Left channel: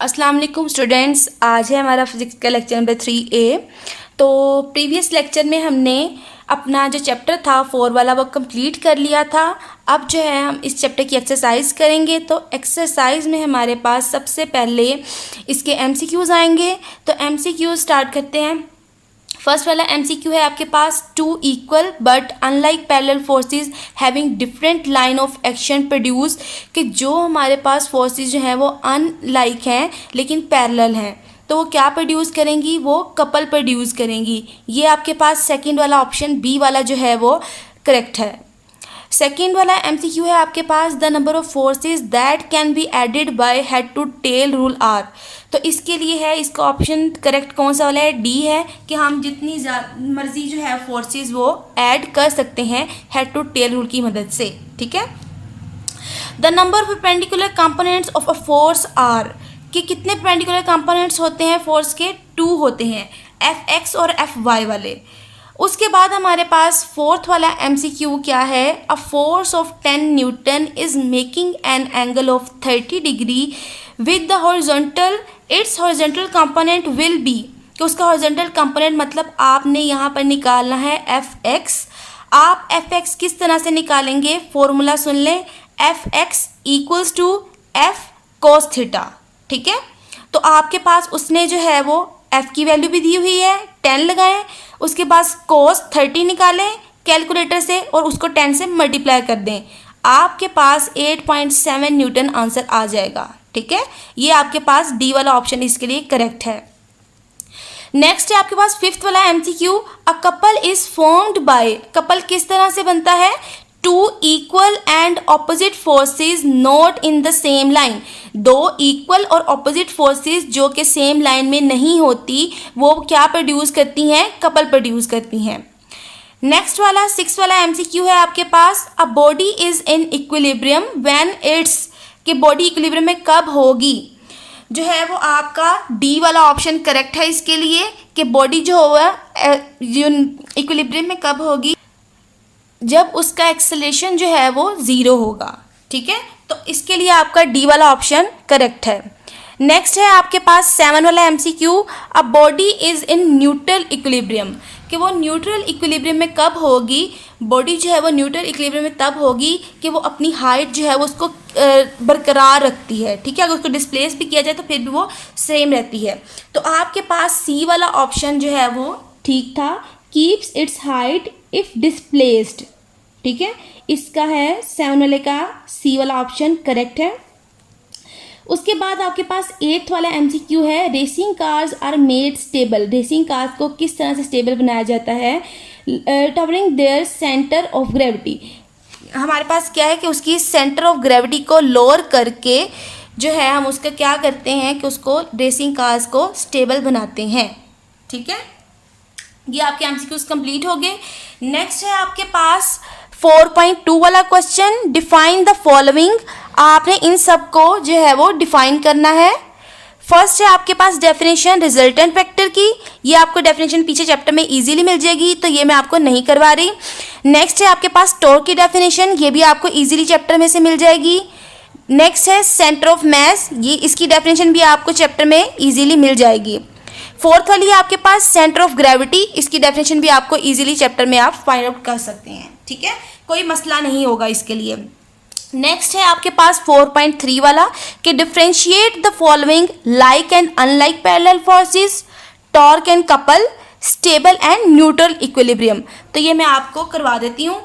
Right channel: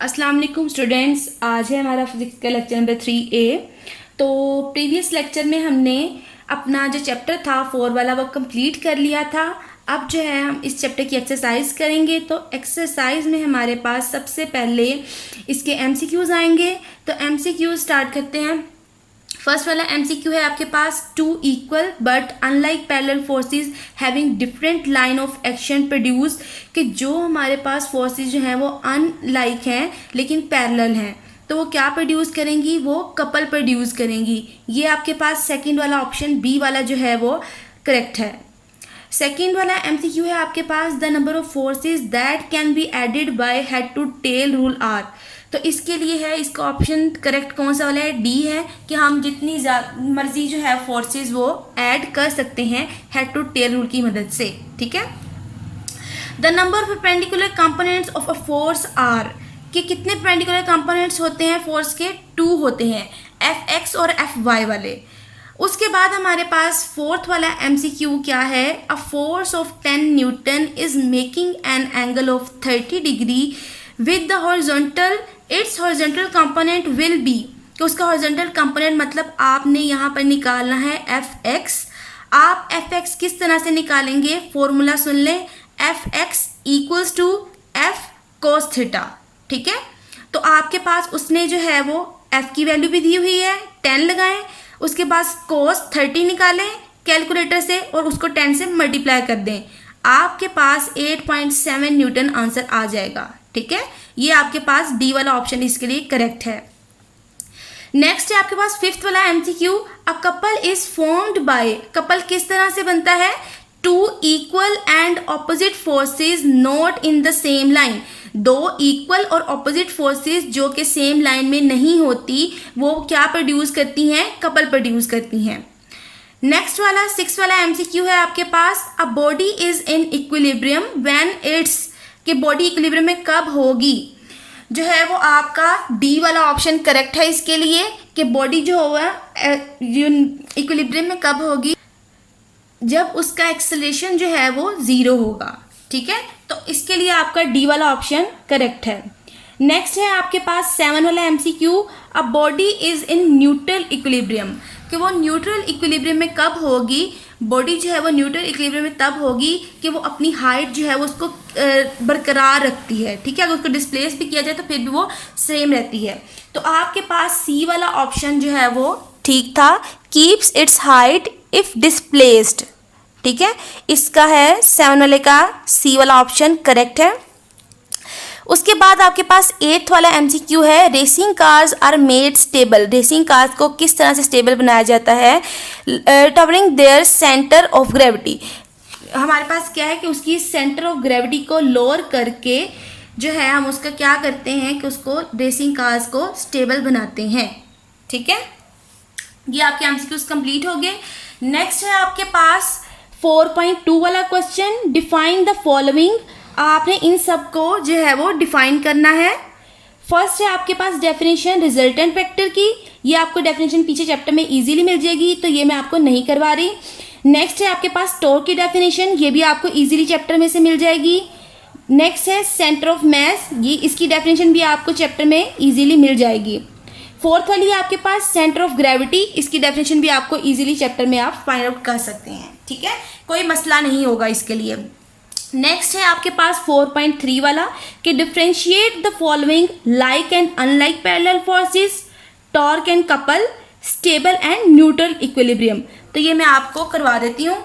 अस्सलाम वालेकुम स्टूडेंट्स, आज है हमारा फिजिक्स का लेक्चर नंबर 3A। तो प्रीवियस लेक्चर में हमने अपना जो चैप्टर था 4 वाला वो कंप्लीट कर लिया था। अब जो है हम इस चैप्टर की एक्सरसाइज करेंगे। तो एक्सरसाइज में हमारे पास सबसे पहले इसके MCQs आएंगे। तो MCQs स्टार्ट करते हैं। फर्स्ट वाला MCQ है आपके पास, two equal but unlike parallel forces having different line of action produce, कि जो हमारे पास फोर्सेस जो हैं वो अनलाइक हैं लेकिन पैरेलल हैं, तो वो क्या प्रोड्यूस करेंगी, वो कपल प्रोड्यूस करेंगी। ये आपके पास सेकंड वाला ऑप्शन बी वाला जो है वो करेक्ट है। सेकेंड वाला MCQ है आपके पास, the number of forces that can be added by head to tail rule are. तो इसके लिए है, इसका ऑप्शन करेक्ट कौन सा वाला है, डी है, कि हम जितनी मर्जी जो है फोर्सेस वो ऐड कर सकते हैं हेड टू टेल रूल की मदद से। ठीक है। The number of perpendicular components of a force are, कि कितने परपेंडिकुलर कंपोनेंट्स होते हैं फोर्स के, 2 होते हैं, Fx और Fy वाले। उसके बाद हमारे पास फोर्थ वाला MCQ क्या है, a force of 10 Newton is making an angle of 30 degree with the horizontal, it's horizontal component will be, कि उसका हॉरिजॉन्टल कंपोनेंट मतलब आपने यहाँ पर निकालना है Fx। आप Fx किस तरह से निकालेंगे, फॉर्मूला सुन लें, Fx equals to F cos theta. ठीक है। तो आपके पास उसने जो है वो F की वैल्यू भी दी हुई है, 10 लगाएं, उसके बाद cos 30 निकालें कैलकुलेटर से और उसको 10 से मल्टीप्लाई कर दें, आपके पास 8.7 न्यूटन आंसर आ जाएगा। ठीक है। ये आपके पास डी वाला ऑप्शन इसके लिए करेक्ट है। नेक्स्ट है आपके पास फिफ्थ वाला MCQ, a couple is formed by, couple किस तरह से बनता है, two equal and opposite forces not in the same line, दो इक्वल और ऑपोजिट फोर्सेस जो कि सेम लाइन में नहीं होती वो क्या प्रोड्यूस करती हैं, कपल प्रोड्यूस करती हैं। नेक्स्ट वाला सिक्स वाला MCQ है आपके पास, a body is in equilibrium when it's, कि बॉडी इक्विलिब्रियम में कब होगी, जो है वो आपका डी वाला ऑप्शन करेक्ट है इसके लिए, कि बॉडी जो होगा इक्विलिब्रियम में कब होगी, जब उसका एक्सेलरेशन जो है वो 0 होगा। ठीक है। तो इसके लिए आपका डी वाला ऑप्शन करेक्ट है। नेक्स्ट है आपके पास 7 वाला MCQ, a body is in neutral equilibrium, कि वो न्यूट्रल इक्विलिब्रियम में कब होगी, बॉडी जो है वो न्यूट्रल इक्विलिब्रियम में तब होगी कि वो अपनी हाइट जो है वो उसको बरकरार रखती है। ठीक है। अगर उसको डिस्प्लेस भी किया जाए तो फिर भी वो सेम रहती है। तो आपके पास सी वाला ऑप्शन जो है वो ठीक था, keeps it's height if displaced. ठीक है। इसका है 7 वाले का सी वाला ऑप्शन करेक्ट है। उसके बाद आपके पास 8th वाला MCQ है, racing cars are made stable, racing cars को किस तरह से स्टेबल बनाया जाता है, lowering their centre of gravity, हमारे पास क्या है कि उसकी सेंटर ऑफ ग्रेविटी को लोअर करके जो है हम उसका क्या करते हैं कि उसको रेसिंग कार्स को स्टेबल बनाते हैं। ठीक है। ये आपके MCQs कंप्लीट हो गए। नेक्स्ट है आपके पास 4.2 वाला क्वेश्चन, डिफाइन द फॉलोइंग, आपने इन सब को जो है वो डिफाइन करना है। फर्स्ट है आपके पास डेफिनेशन रिजल्टेंट वेक्टर की, ये आपको डेफिनेशन पीछे चैप्टर में इजीली मिल जाएगी, तो ये मैं आपको नहीं करवा रही। नेक्स्ट है आपके पास टॉर्क की डेफिनेशन, ये भी आपको इजीली चैप्टर में से मिल जाएगी। नेक्स्ट है सेंटर ऑफ मास, ये इसकी डेफिनेशन भी आपको चैप्टर में इजीली मिल जाएगी। फोर्थ वाली है आपके पास सेंटर ऑफ ग्रेविटी, इसकी डेफिनेशन भी आपको इजीली चैप्टर में आप फाइंड आउट कर सकते हैं। ठीक है। कोई मसला नहीं होगा इसके लिए। नेक्स्ट है आपके पास 4.3 वाला, कि differentiate the following like and unlike parallel forces, torque and couple, stable and neutral equilibrium. तो ये मैं आपको करवा देती हूँ।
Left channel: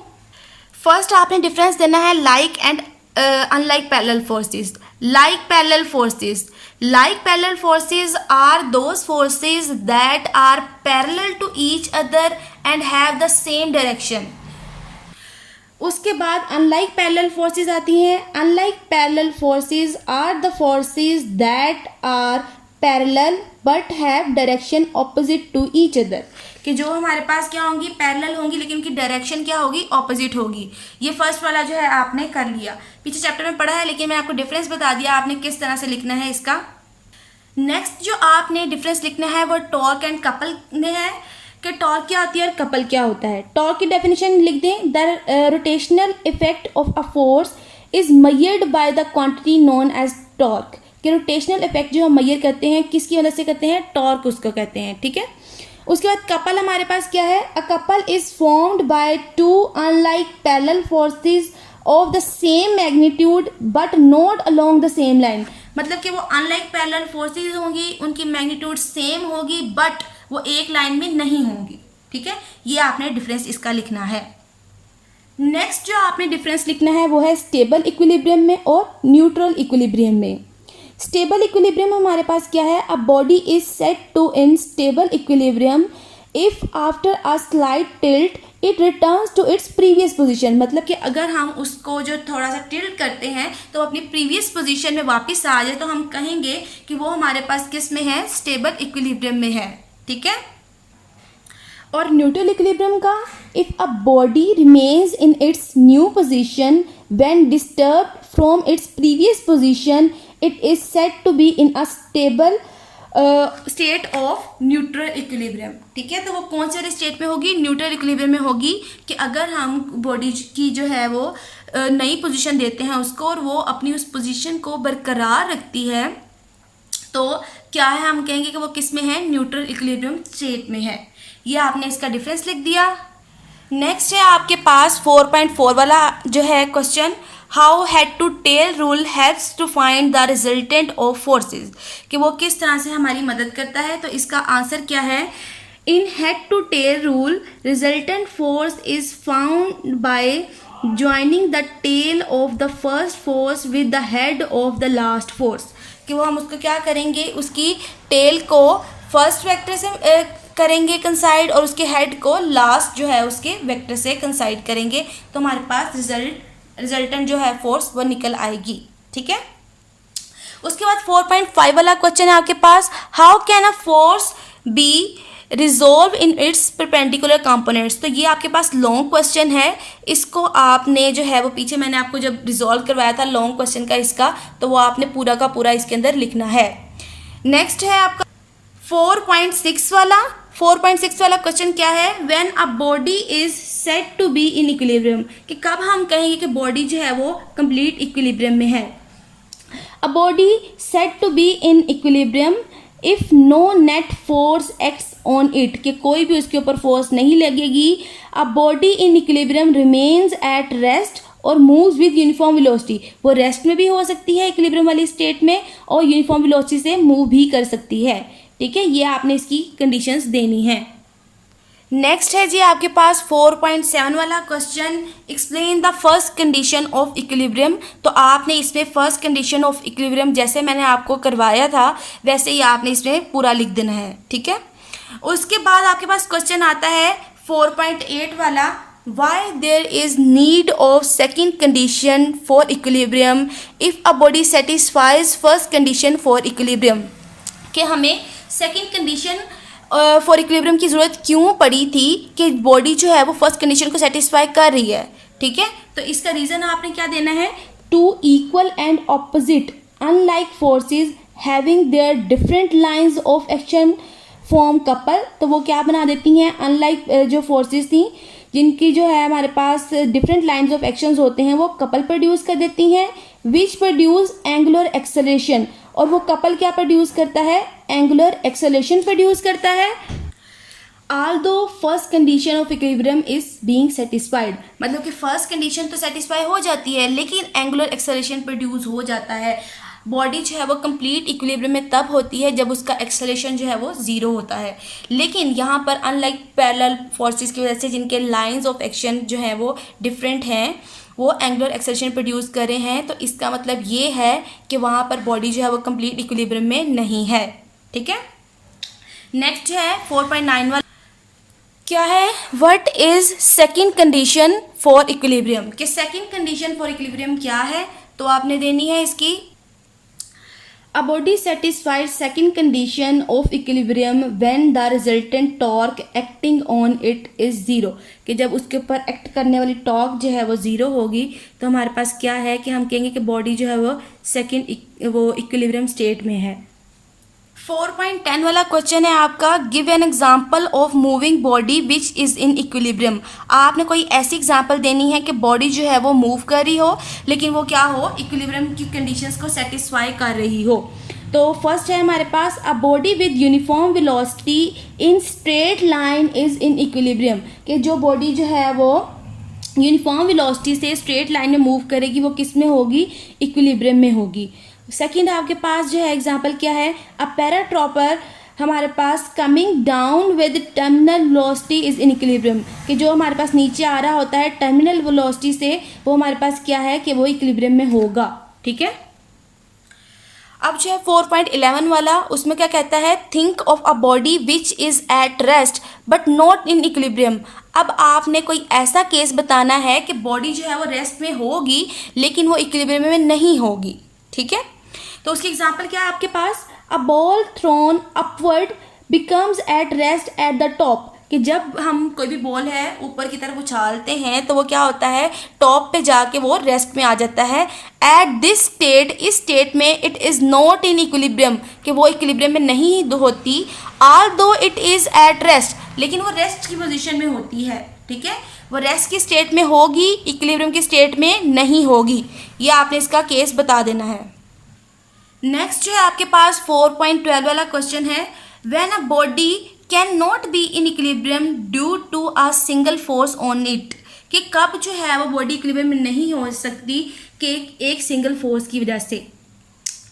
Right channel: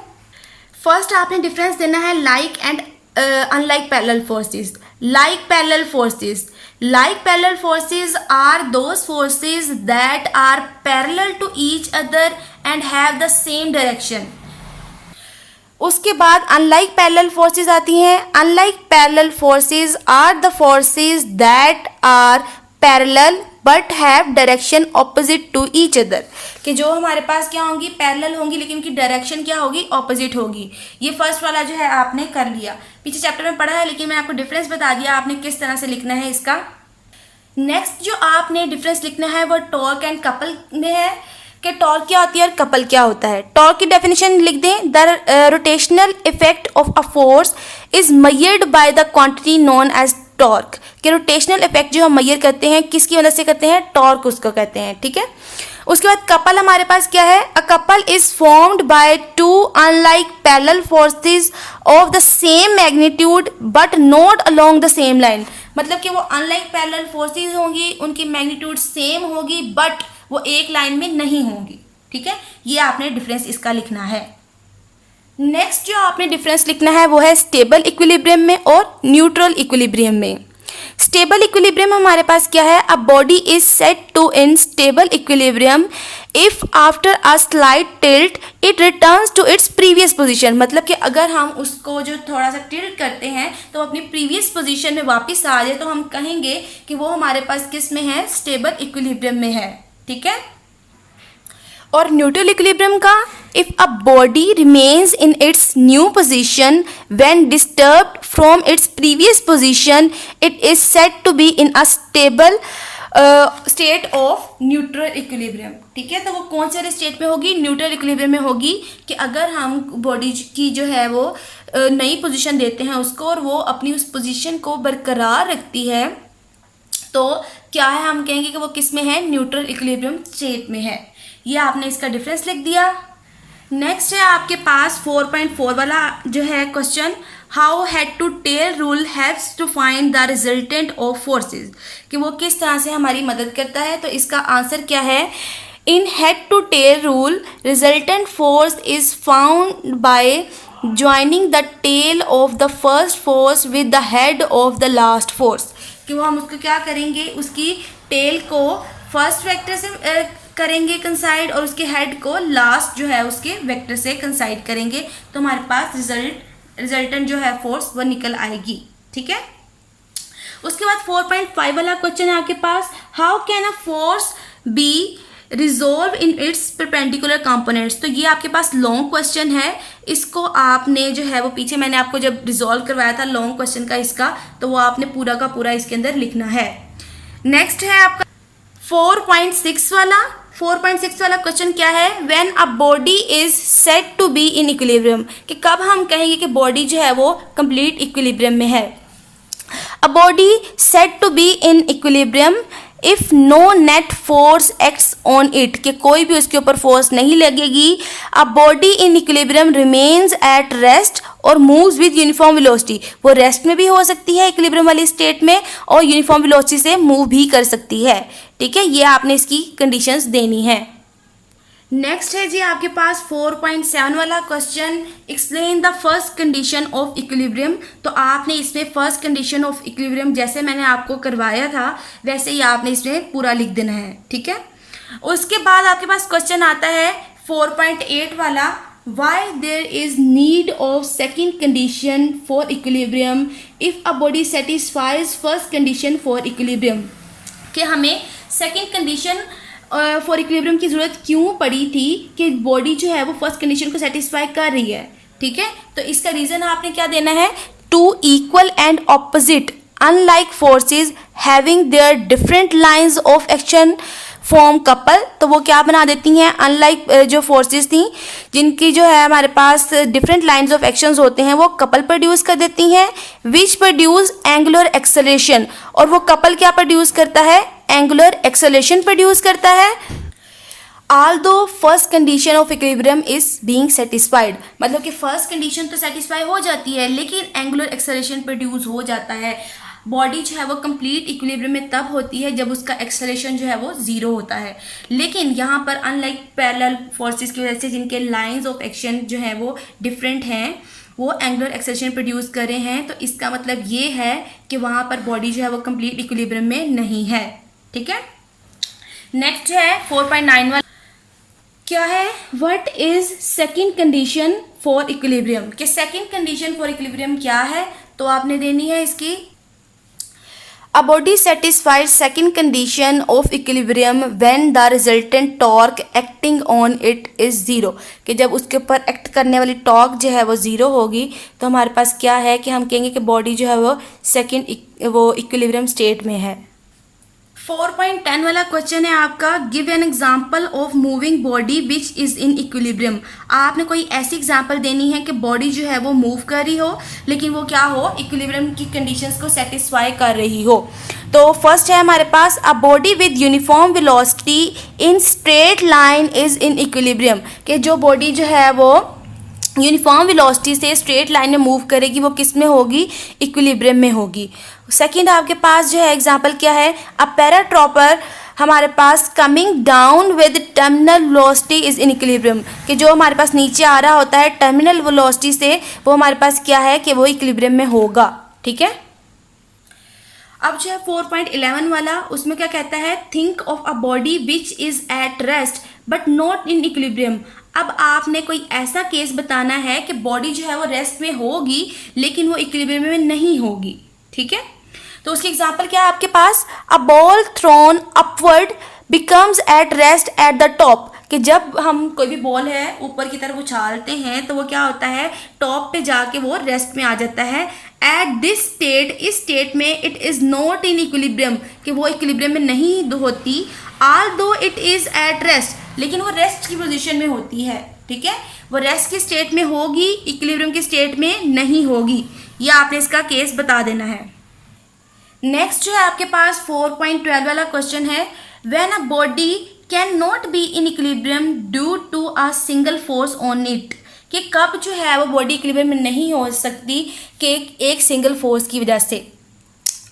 फर्स्ट आपने डिफरेंस देना है like and unlike parallel forces. Like parallel forces, like parallel forces are those forces that are parallel to each other and have the same direction। उसके बाद unlike parallel forces आती हैं। unlike parallel forces are the forces that are parallel but have direction opposite to each other, कि जो हमारे पास क्या होंगी, पैरेलल होंगी लेकिन उनकी डायरेक्शन क्या होगी, ऑपोजिट होगी। ये फर्स्ट वाला जो है आपने कर लिया, पीछे चैप्टर में पढ़ा है लेकिन मैं आपको डिफरेंस बता दिया आपने किस तरह से लिखना है इसका। नेक्स्ट जो आपने डिफरेंस लिखना है वो टॉर्क एंड कपल में है, कि टॉर्क क्या होती है और कपल क्या होता है। टॉर्क की डेफिनेशन लिख दें, the rotational effect of a force is measured by the quantity known as torque, कि रोटेशनल इफेक्ट जो हम मेजर करते हैं किसकी मदद से करते हैं, टॉर्क उसको कहते हैं, ठीक है। उसके बाद कपल हमारे पास क्या है, अ couple is formed by two unlike parallel forces of the same magnitude but not along the same line. मतलब कि वो अनलाइक पैरेलल फोर्सेस होंगी, उनकी मैग्नीट्यूड सेम होगी बट वो एक लाइन में नहीं होंगी, ठीक है। ये आपने डिफरेंस इसका लिखना है। नेक्स्ट जो आपने डिफरेंस लिखना है वो है स्टेबल इक्विलिब्रियम में और न्यूट्रल इक्विलिब्रियम में। स्टेबल इक्विलिब्रियम हमारे पास क्या है, a body is set to in stable equilibrium if after a slight tilt it returns to its previous position. मतलब कि अगर हम उसको जो थोड़ा सा टिल्ट करते हैं तो अपनी प्रीवियस पोजीशन में वापस आ जाए तो हम कहेंगे कि वो हमारे पास किस में है, स्टेबल इक्विलिब्रियम में है, ठीक है। और न्यूट्रल इक्विलिब्रियम का, if a body remains in its new position when disturbed from its previous position it is said to be in a stable state of neutral equilibrium, ठीक है। तो वो कौन से स्टेट में होगी, न्यूट्रल इक्विलिब्रियम में होगी कि अगर हम बॉडी की जो है वो नई पोजीशन देते हैं उसको और वो अपनी उस पोजीशन को बरकरार रखती है तो क्या है, हम कहेंगे कि वो किस में है, न्यूट्रल इक्विलिब्रियम स्टेट में है। ये आपने इसका डिफरेंस लिख दिया। नेक्स्ट है आपके पास 4.4 वाला जो है question, how head to tail rule helps to find the resultant of forces, कि वो किस तरह से हमारी मदद करता है। तो इसका आंसर क्या है, in head to tail rule resultant force is found by joining the tail of the first force with the head of the last force, कि वो हम उसको क्या करेंगे, उसकी टेल को फर्स्ट वेक्टर से करेंगे कंसाइड और उसके हेड को लास्ट जो है उसके वेक्टर से कंसाइड करेंगे तो हमारे पास रिजल्टेंट जो है फोर्स वो निकल आएगी, ठीक है। उसके बाद 4.5 वाला क्वेश्चन है आपके पास, how can a force be resolve in its perpendicular components. तो ये आपके पास लॉन्ग क्वेश्चन है, इसको आपने जो है वो पीछे मैंने आपको जब रिजोल्व करवाया था लॉन्ग क्वेश्चन का इसका, तो वो आपने पूरा का पूरा इसके अंदर लिखना है। नेक्स्ट है आपका 4.6 वाला। 4.6 वाला क्वेश्चन क्या है, when a body is set to be in equilibrium, कि कब हम कहेंगे कि बॉडी जो है वो कंप्लीट इक्विलिब्रियम में है। A body set to be in equilibrium if no net force acts on it, कि कोई भी उसके ऊपर फोर्स नहीं लगेगी। A body in equilibrium remains at rest और मूव्स विद यूनिफॉर्म वेलोसिटी, वो रेस्ट में भी हो सकती है इक्विलिब्रियम वाली स्टेट में और यूनिफॉर्म वेलोसिटी से मूव भी कर सकती है, ठीक है। ये आपने इसकी कंडीशंस देनी है। नेक्स्ट है जी आपके पास 4.7 वाला question, explain the first condition of equilibrium. तो आपने इसमें फर्स्ट कंडीशन ऑफ इक्विलिब्रियम जैसे मैंने आपको करवाया था वैसे ही आपने इसमें पूरा लिख देना है, ठीक है। उसके बाद आपके पास क्वेश्चन आता है 4.8 वाला, why there is need of second condition for equilibrium if a body satisfies first condition for equilibrium, कि हमें सेकेंड कंडीशन फॉर इक्विलिब्रियम की ज़रूरत क्यों पड़ी थी कि बॉडी जो है वो फर्स्ट कंडीशन को सेटिस्फाई कर रही है, ठीक है। तो इसका रीज़न आपने क्या देना है, two equal and opposite unlike forces having their different lines of action form couple. तो वो क्या बना देती हैं, अनलाइक जो फोर्सेस थी जिनकी जो है हमारे पास डिफरेंट लाइंस ऑफ एक्शंस होते हैं वो कपल प्रोड्यूस कर देती हैं, विच प्रोड्यूस एंगुलर एक्सेलरेशन, और वो कपल क्या प्रोड्यूस करता है, एंगुलर एक्सेलरेशन प्रोड्यूस करता है। although first condition of equilibrium is being satisfied, मतलब कि फर्स्ट कंडीशन तो सेटिस्फाई हो जाती है लेकिन एंगुलर एक्सेलरेशन प्रोड्यूस हो जाता है। बॉडी जो है वो कंप्लीट इक्विलिब्रियम में तब होती है जब उसका एक्सेलरेशन जो है वो ज़ीरो होता है, लेकिन यहाँ पर अनलाइक पैरेलल फोर्सेस की वजह से जिनके लाइंस ऑफ एक्शन जो है वो डिफरेंट हैं वो एंगुलर एक्सेलरेशन प्रोड्यूस कर रहे हैं। तो इसका मतलब ये है कि वहाँ पर बॉडी जो है वो कंप्लीट इक्विलिब्रियम में नहीं है, ठीक है। नेक्स्ट है 4.9 वाला, क्या है, what is second condition for equilibrium, कि सेकंड कंडीशन फॉर इक्विलिब्रियम क्या है। तो आपने देनी है इसकी, a body satisfied second condition of equilibrium when the resultant torque acting on it is zero, कि जब उसके ऊपर एक्ट करने वाली टॉर्क जो है वो ज़ीरो होगी तो हमारे पास क्या है कि हम कहेंगे कि बॉडी जो है वो सेकंड वो इक्विलिब्रियम स्टेट में है। 4.10 वाला क्वेश्चन है आपका, give an example of moving body which is in equilibrium. आपने कोई ऐसी एग्जाम्पल देनी है कि बॉडी जो है वो मूव कर रही हो लेकिन वो क्या हो, इक्विलिब्रियम की कंडीशंस को सेटिस्फाई कर रही हो। तो फर्स्ट है हमारे पास, a body with uniform velocity in straight line is in equilibrium, कि जो बॉडी जो है वो यूनिफॉर्म वेलोसिटी से स्ट्रेट लाइन में मूव करेगी वो किस में होगी, इक्विलिब्रियम में होगी। सेकंड आपके पास जो है एग्जांपल क्या है, अ पैराट्रॉपर हमारे पास coming down with terminal velocity is in equilibrium, कि जो हमारे पास नीचे आ रहा होता है टर्मिनल वेलोसिटी से वो हमारे पास क्या है कि वो इक्विलिब्रियम में होगा। ठीक है, अब जो है 4.11 वाला, उसमें क्या कहता है, think of a body which is at rest but not in equilibrium. अब आपने कोई ऐसा केस बताना है कि बॉडी जो है वो रेस्ट में होगी लेकिन वो इक्विलिब्रियम में नहीं होगी। ठीक है, तो उसकी एग्जांपल क्या है आपके पास, a ball thrown upward becomes at rest at the top, कि जब हम कोई भी बॉल है ऊपर की तरफ उछालते हैं तो वो क्या होता है, टॉप पे जाके वो रेस्ट में आ जाता है। एट दिस स्टेट, इस स्टेट में it is not in equilibrium, कि वो इक्विलिब्रियम में नहीं होती, although it is at rest, लेकिन वो रेस्ट की पोजीशन में होती है। ठीक है, वो रेस्ट की स्टेट में होगी, इक्विलिब्रियम की स्टेट में नहीं होगी। ये आपने इसका केस बता देना है। नेक्स्ट जो है आपके पास 4.12 वाला क्वेश्चन है, when a body can not be in equilibrium due to a single force on it, कि कब जो है वो बॉडी इक्विलिब्रियम में नहीं हो सकती कि एक सिंगल फोर्स की वजह से।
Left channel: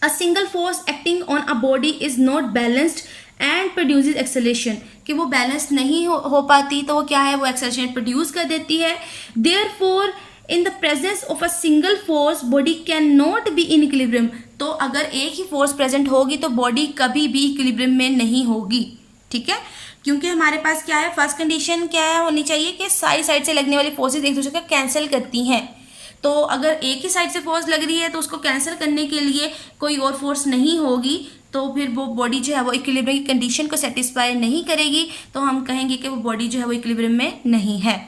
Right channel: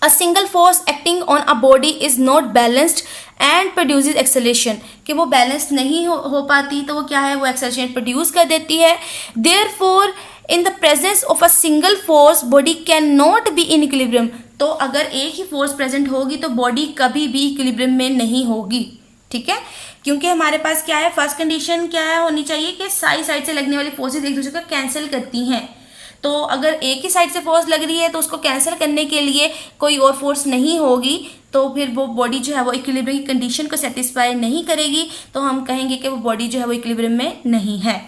अ single force acting on a body is not balanced and produces acceleration, कि वो बैलेंस नहीं हो पाती तो वो क्या है, वो एक्सेलरेशन प्रोड्यूस कर देती है। Therefore in the presence of a single force body can not be in equilibrium, तो अगर एक ही फोर्स प्रेजेंट होगी तो बॉडी कभी भी इक्विलिब्रियम में नहीं होगी। ठीक है, क्योंकि हमारे पास क्या है, फर्स्ट कंडीशन क्या है होनी चाहिए कि साइड से लगने वाली फोर्सेस एक दूसरे को कैंसिल करती हैं। तो अगर एक ही साइड से फोर्स लग रही है तो उसको कैंसिल करने के लिए कोई और फोर्स नहीं होगी, तो फिर वो बॉडी जो है वो इक्विलिब्रियम की कंडीशन को सेटिस्फाई नहीं करेगी, तो हम कहेंगे कि वो बॉडी जो है वो इक्विलिब्रियम में नहीं है।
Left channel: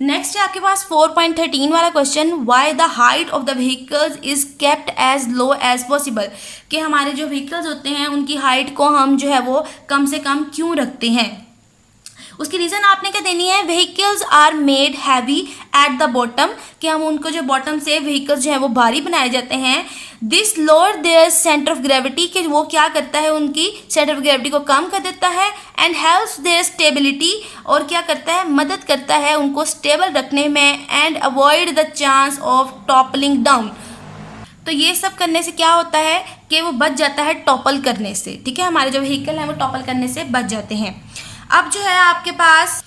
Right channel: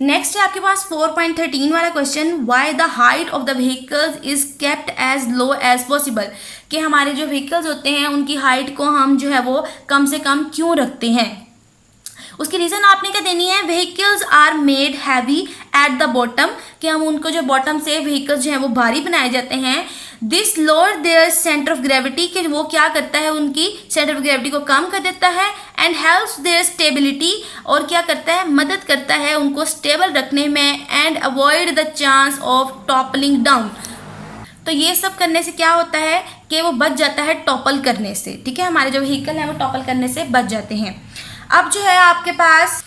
नेक्स्ट है आपके पास 4.13 वाला question, why the height of the vehicles is kept as low as possible, कि हमारे जो व्हीकल्स होते हैं उनकी हाइट को हम जो है वो कम से कम क्यों रखते हैं। उसकी रीज़न आपने क्या देनी है, vehicles are made heavy at the bottom, कि हम उनको जो बॉटम से व्हीकल्स जो है वो भारी बनाए जाते हैं। This lower their centre of gravity, कि वो क्या करता है, उनकी सेंटर ऑफ ग्रेविटी को कम कर देता है। एंड हेल्प्स देयर स्टेबिलिटी, और क्या करता है, मदद करता है उनको स्टेबल रखने में। And avoid the chance of toppling down, तो ये सब करने से क्या होता है कि वो बच जाता है टॉपल करने से। ठीक है, हमारे जो व्हीकल हैं वो टॉपल करने से बच जाते हैं। अब जो है आपके पास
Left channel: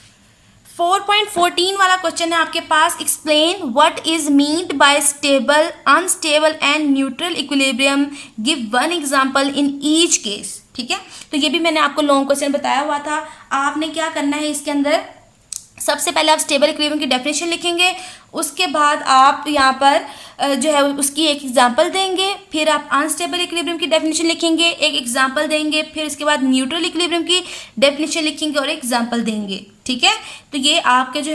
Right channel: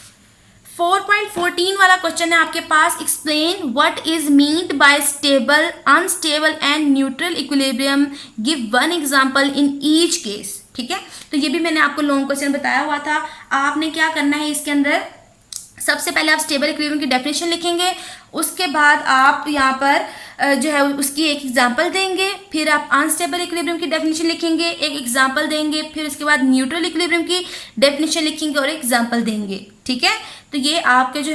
4.14 वाला क्वेश्चन है आपके पास, explain what is meant by stable, unstable and neutral equilibrium, give one example in each case. ठीक है, तो ये भी मैंने आपको लॉन्ग क्वेश्चन बताया हुआ था। आपने क्या करना है इसके अंदर, सबसे पहले आप स्टेबल इक्विलिब्रियम की डेफिनेशन लिखेंगे, उसके बाद आप यहाँ पर जो है उसकी एक एग्जांपल देंगे, फिर आप अनस्टेबल इक्विलिब्रियम की डेफिनेशन लिखेंगे, एक एग्जांपल देंगे, फिर उसके बाद न्यूट्रल इक्विलिब्रियम की डेफिनेशन लिखेंगे और एक एग्जांपल देंगे। ठीक है, तो ये आपके जो